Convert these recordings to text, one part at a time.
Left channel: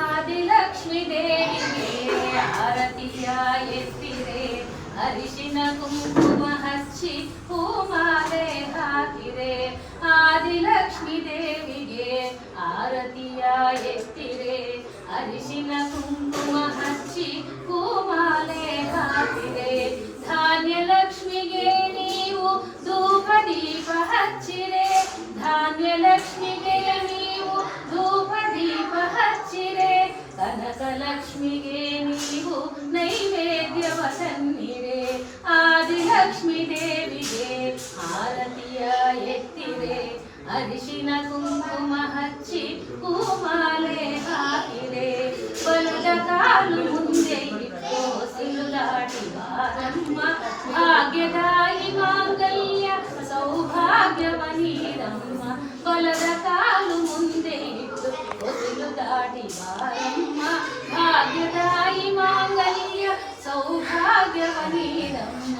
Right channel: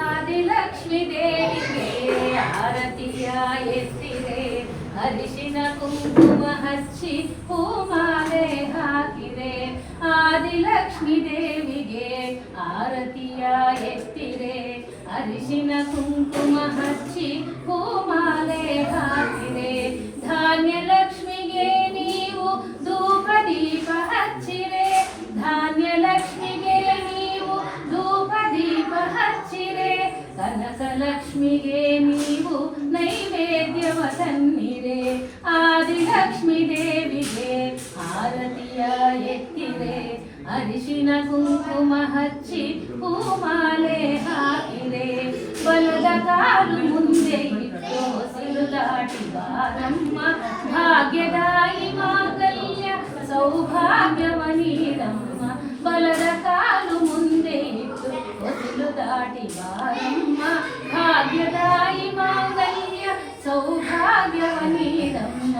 ಆದಿಲಕ್ಷ್ಮೀ ದೇವಿಗೆ ಆರತಿಯ ಎತ್ತಿರೆ, ಅರಿಶಿನ ಕುಂಕುಮ ಹಚ್ಚಿ ಹೂಮಾಲೆ ಹಾಕಿರೆ. ಆದಿಲಕ್ಷ್ಮೀ ದೇವಿಗೆ ಆರತಿಯ ಎತ್ತಿರೆ, ಅರಿಶಿನ ಕುಂಕುಮ ಹಚ್ಚಿ ಹೂಮಾಲೆ ಹಾಕಿರೆ. ಧಾನ್ಯ ಲಕ್ಷ್ಮಿಗೆ ನೀವು ಧೂಪ ದೀಪ ಹಚ್ಚಿರೆ, ಧಾನ್ಯ ಲಕ್ಷ್ಮಿಗೆ ನೀವು ಧೂಪ ದೀಪ ಹಚ್ಚಿರೆ. ಕನಕ ಲಕ್ಷ್ಮಿಗೆ ನೀವು ನೈವೇದ್ಯವ ತನ್ನಿರೆ. ಆದಿಲಕ್ಷ್ಮೀ ದೇವಿಗೆ ಆರತಿಯ ಎತ್ತಿರೆ, ಅರಿಶಿನ ಕುಂಕುಮ ಹಚ್ಚಿ ಹೂಮಾಲೆ ಹಾಕಿರೆ. ಬಲದ ಕಾಲು ಮುಂದೆ ಇಟ್ಟು ಸಿಲುದಾಡಿ ಬಾರಮ್ಮ, ಭಾಗ್ಯದಾಯಿ ಮಾಂಗಲ್ಯ ಸೌಭಾಗ್ಯವ ನೀಡಮ್ಮ. ಬಲದ ಕಾಲು ಮುಂದೆ ಇಟ್ಟು ಹೊಸಲು ದಾಟಿ ಬಾರಮ್ಮ, ಭಾಗ್ಯದಾಯಿ ಮಾಂಗಲ್ಯ ಸೌಭಾಗ್ಯವ ನೀಡಮ್ಮ.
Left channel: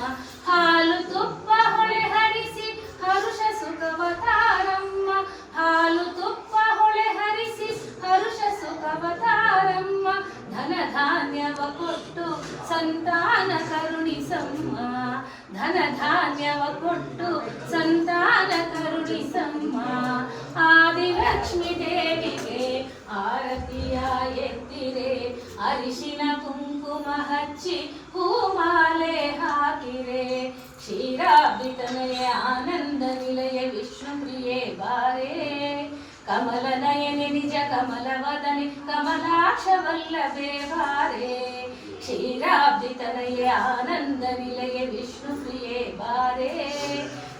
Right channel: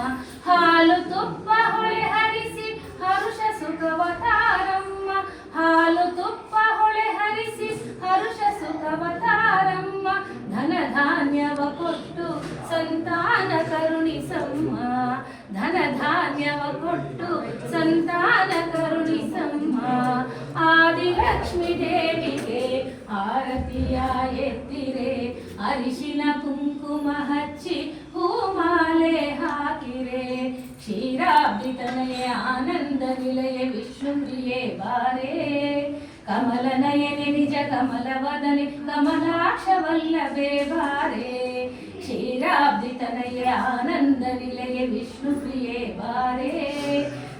ಹಾಲು ತುಪ್ಪ ಹೊಳೆ ಹರಿಸಿ ಹರುಷ ಸುಖವ ತಾರಮ್ಮ, ಹಾಲು ತುಪ್ಪ ಹೊಳೆ ಹರಿಸಿ ಹರುಷ ಸುಖವ ತಾರಮ್ಮ. ಧನ ಧಾನ್ಯವ ಕೊಟ್ಟು ಸಂತಾನ ಕರುಣಿಸಮ್ಮ, ಧನ ಧಾನ್ಯವ ಕೊಟ್ಟು ಸಂತಾನ ಕರುಣಿಸಮ್ಮ. ಆದಿಲಕ್ಷ್ಮೀ ದೇವಿಗೆ ಆರತಿಯ ಎತ್ತಿರೆ, ಅರಿಶಿನ ಕುಂಕುಮ ಹಚ್ಚಿ ಹೂಮಾಲೆ ಹಾಕಿರೆ. ಕ್ಷೀರಾಬ್ಧಿತನಯ ಆನಂದ ನಿಲಯ ವಿಷ್ಣುಪ್ರಿಯೆ ಬಾರೆ, ಕಮಲ ನಯನೆ ನಿಜ ಕಮಲ ವದನೆ ಕಮಲಾಕ್ಷ ವಲ್ಲಭೆ ಬಾರೆ. ಕ್ಷೀರಾಬ್ಧಿತನಯ ಆನಂದ ನಿಲಯ ವಿಷ್ಣುಪ್ರಿಯೆ ಬಾರೆ,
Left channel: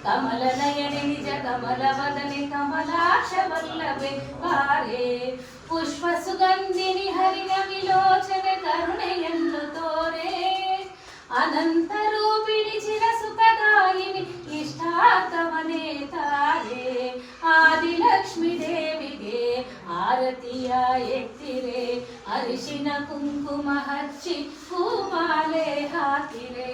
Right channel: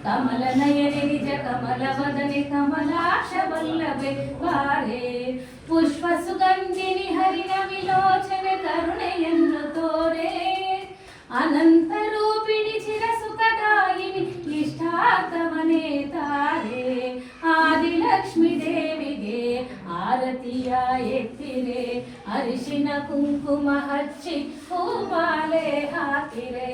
ಕಮಲ ನಯನೆ ನಿಜ ಕಮಲ ವದನೆ ಕಮಲಾಕ್ಷ ವಲ್ಲಭೆ ಬಾರೆ. ಪುಷ್ಪ ಸುಗಂಧಿನಿ ಹರಿಣ ವಿಲೋಚನೆ ಕರುಣೆಯನ್ನು ತೋರೆ, ಅನಂತ ರೂಪಿಣಿ ಚಿರ ಸುಖದಾಯಿನಿ ಇಷ್ಟಾರ್ಥವನೇ ತಾರೆ. ಆದಿಲಕ್ಷ್ಮೀ ದೇವಿಗೆ ಆರತಿಯ ಎತ್ತಿರೆ, ಅರಿಶಿನ ಕುಂಕುಮ ಹಚ್ಚಿ ಹೂಮಾಲೆ ಹಾಕಿರೆ.